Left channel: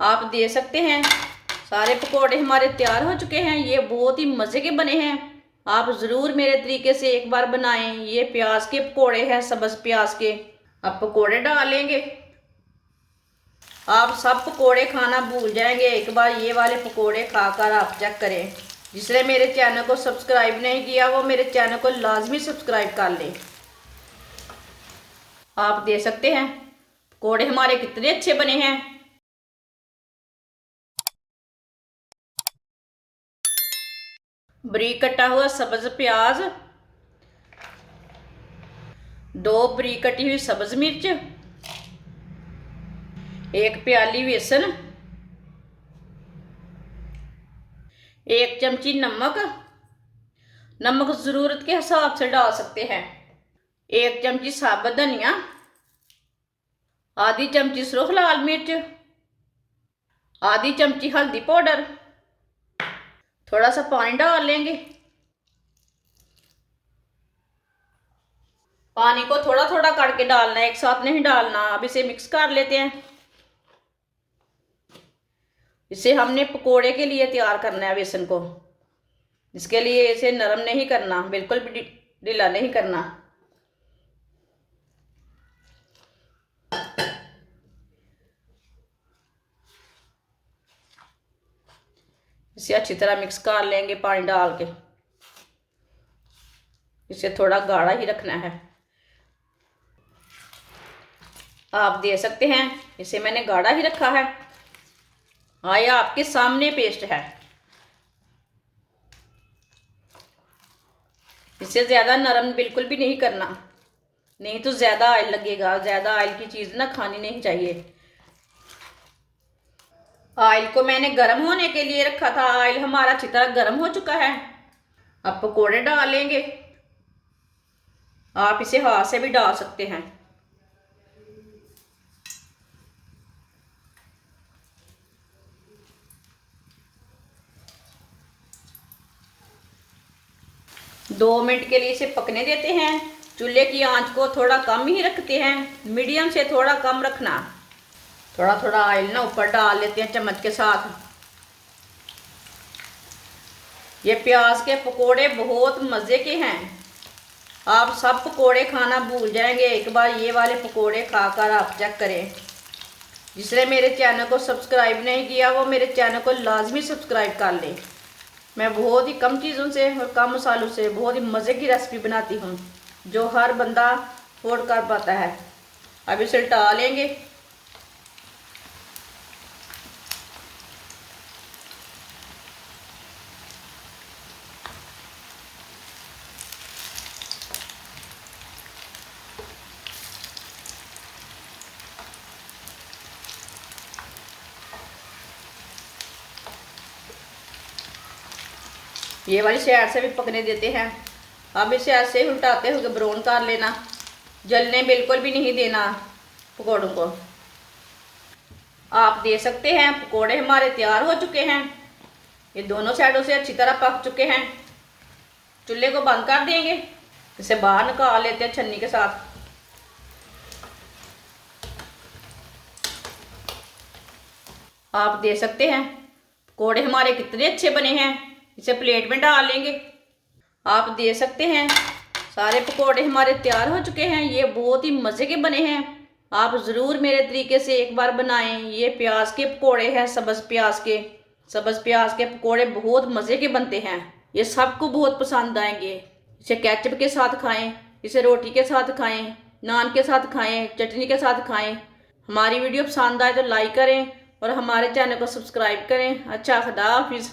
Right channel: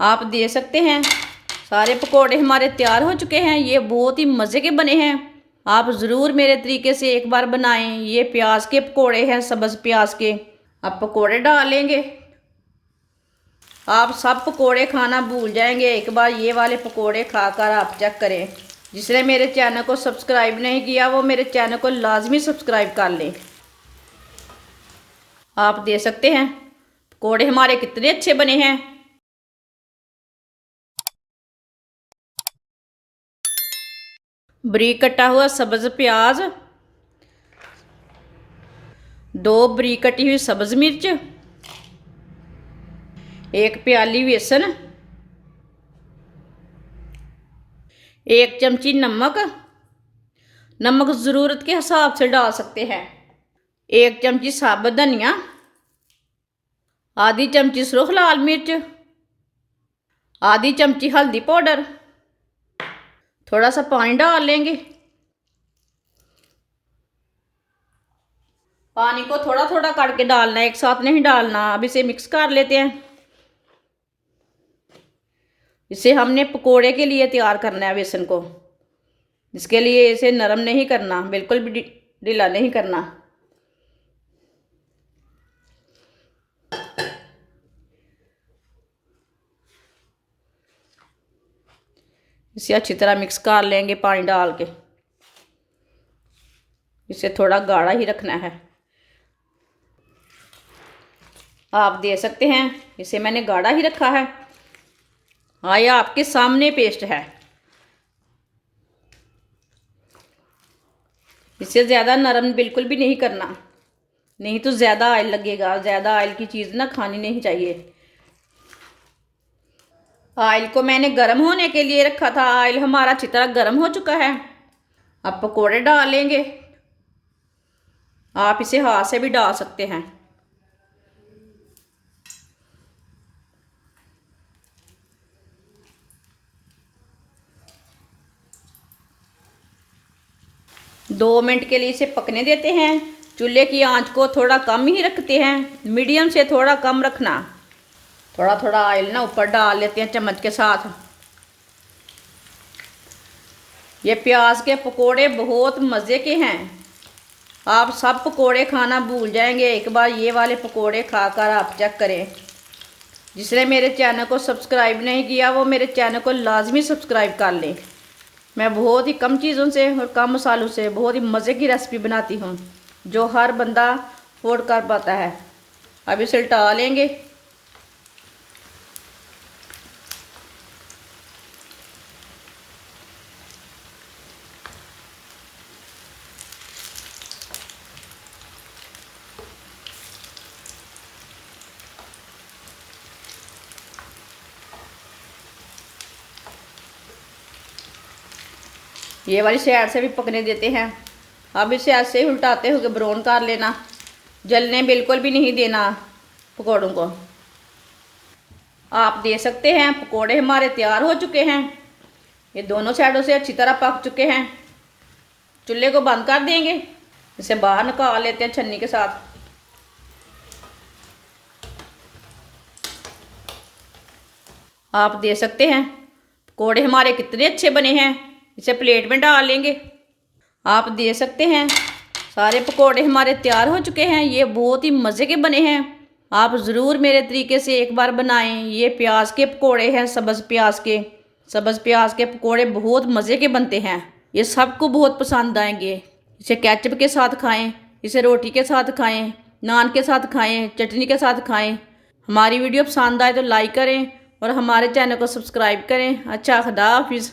आप दे सकते हैं। सारे पकोड़े हमारे तैयार हो चुके हैं। ये बहुत ही मज़े के बने हैं। आप ज़रूर मेरे तरीके से एक बार बनाएं। ये प्याज के पकोड़े हैं, सब्ज़ प्याज के। अब पकोड़े डालेंगे। आप सब पकोड़े खाना भूल जाएंगे। एक बार ये वाले पकोड़े खाकर आप चेक करें। जिसने मेरे चैनल को सब्सक्राइब नहीं किया वो मेरे चैनल को लाजमी सब्सक्राइब कर लें। आप दे सकते हैं पकोड़े हमारे कितने अच्छे बने हैं। बारीक कटा हुआ सब्ज़ प्याज, 2 बारीक कटी हुई सब्ज़ मिर्च, 1 प्याली बेसन, 1 चमची नमक। नमक ज़रूरत के हिसाब से डाल सकते हैं। 1 चमची साबुत धनिया, आधी चमची सुरख लाल मिर्च, आधी चमची हल्दी पाउडर। थोड़ा सा पानी डाल लेंगे। पानी को थोड़ा थोड़ा करके डालना है, एक साथ नहीं डालना। अब इसे मिक्स कर लेते हैं। इसे हमने पकोड़े के लिए तैयार करना है बेसन को। इसके लिए इसे नरम नहीं करना, बिल्कुल भी ढीला नहीं करना। इसे अच्छी तरह मिक्स कर लेंगे पानी डाल के। इसे थोड़ा गाढ़ा ही रखना है। आप दे सकते हैं। इसे मैंने गाढ़ा ही रखा है। हाँ, ये आपके सामने पेस्ट है। इसे ज़्यादा नरम बिल्कुल भी नहीं करना, नहीं तो ज़्यादा ऑयल लगेगा। ज़्यादा ऑयल की चीज़ ना खानी नहीं चाहिए। ऑयल को मैंने गर्म होने के लिए रखा था। ऑयल हमारा अच्छी तरह गर्म हो चुका है। अब पकोड़े डालेंगे। आप इसे हाथ से भी डाल सकते हैं। दो मिनट के लिए इसे पकने देते हैं। चूल्हे की आंच को थोड़ा कम ही रखते हैं, मीडियम से थोड़ा कम रखना। थोड़ा थोड़ा ऑयल ना ऊपर डाल लेते हैं चम्मच के साथ। ये प्याज के पकोड़े बहुत मज़े के हैं। आप सब पकोड़े खाना भूल जाएंगे। एक बार ये वाले पकोड़े खाकर आप चेक करें। जिसने मेरे चैनल को सब्सक्राइब नहीं किया वो मेरे चैनल को लाजमी सब्सक्राइब कर लें। मैं बहुत ही कम चीज़ों से और कम मसालों से बहुत ही मज़े की रेसिपी बनाती हूँ, जो हर बंदा अफोर्ड कर पाता है। अब इसे उल्टा लेंगे। ये वाली साइड से भी पकने देते हैं। अब इसे ऐसे ही उल्टाते हुए ब्राउन कर लेना। जलने बिल्कुल भी नहीं देना पकौड़ों को। आप दे सकते हैं। पकोड़े हमारे तैयार हो चुके हैं। ये दोनों साइडों से अच्छी तरह पक चुके हैं। चूल्हे को बंद कर देंगे। इसे बाहर निकाल लेते हैं छन्नी के साथ। आप दे सकते हैं। पकोड़े हमारे कितने अच्छे बने हैं। इसे प्लेट में डाल लेंगे। आप दे सकते हैं। सारे पकोड़े हमारे तैयार हो चुके हैं। ये बहुत ही मज़े के बने हैं। आप ज़रूर मेरे तरीके से एक बार बनाएं। ये प्याज के पकोड़े हैं, सब्ज़ प्याज के। सब्ज़ प्याज के पकोड़े बहुत मज़े के बनते हैं। ये सबको बहुत पसंद आएंगे। इसे केचप के साथ खाएं, इसे रोटी के साथ खाएं, नान के साथ खाएं, चटनी के साथ खाएं। हमारी वीडियो पसंद आए तो लाइक करें और हमारे चैनल को सब्सक्राइब करें। अच्छा, खुदा हाफिज़।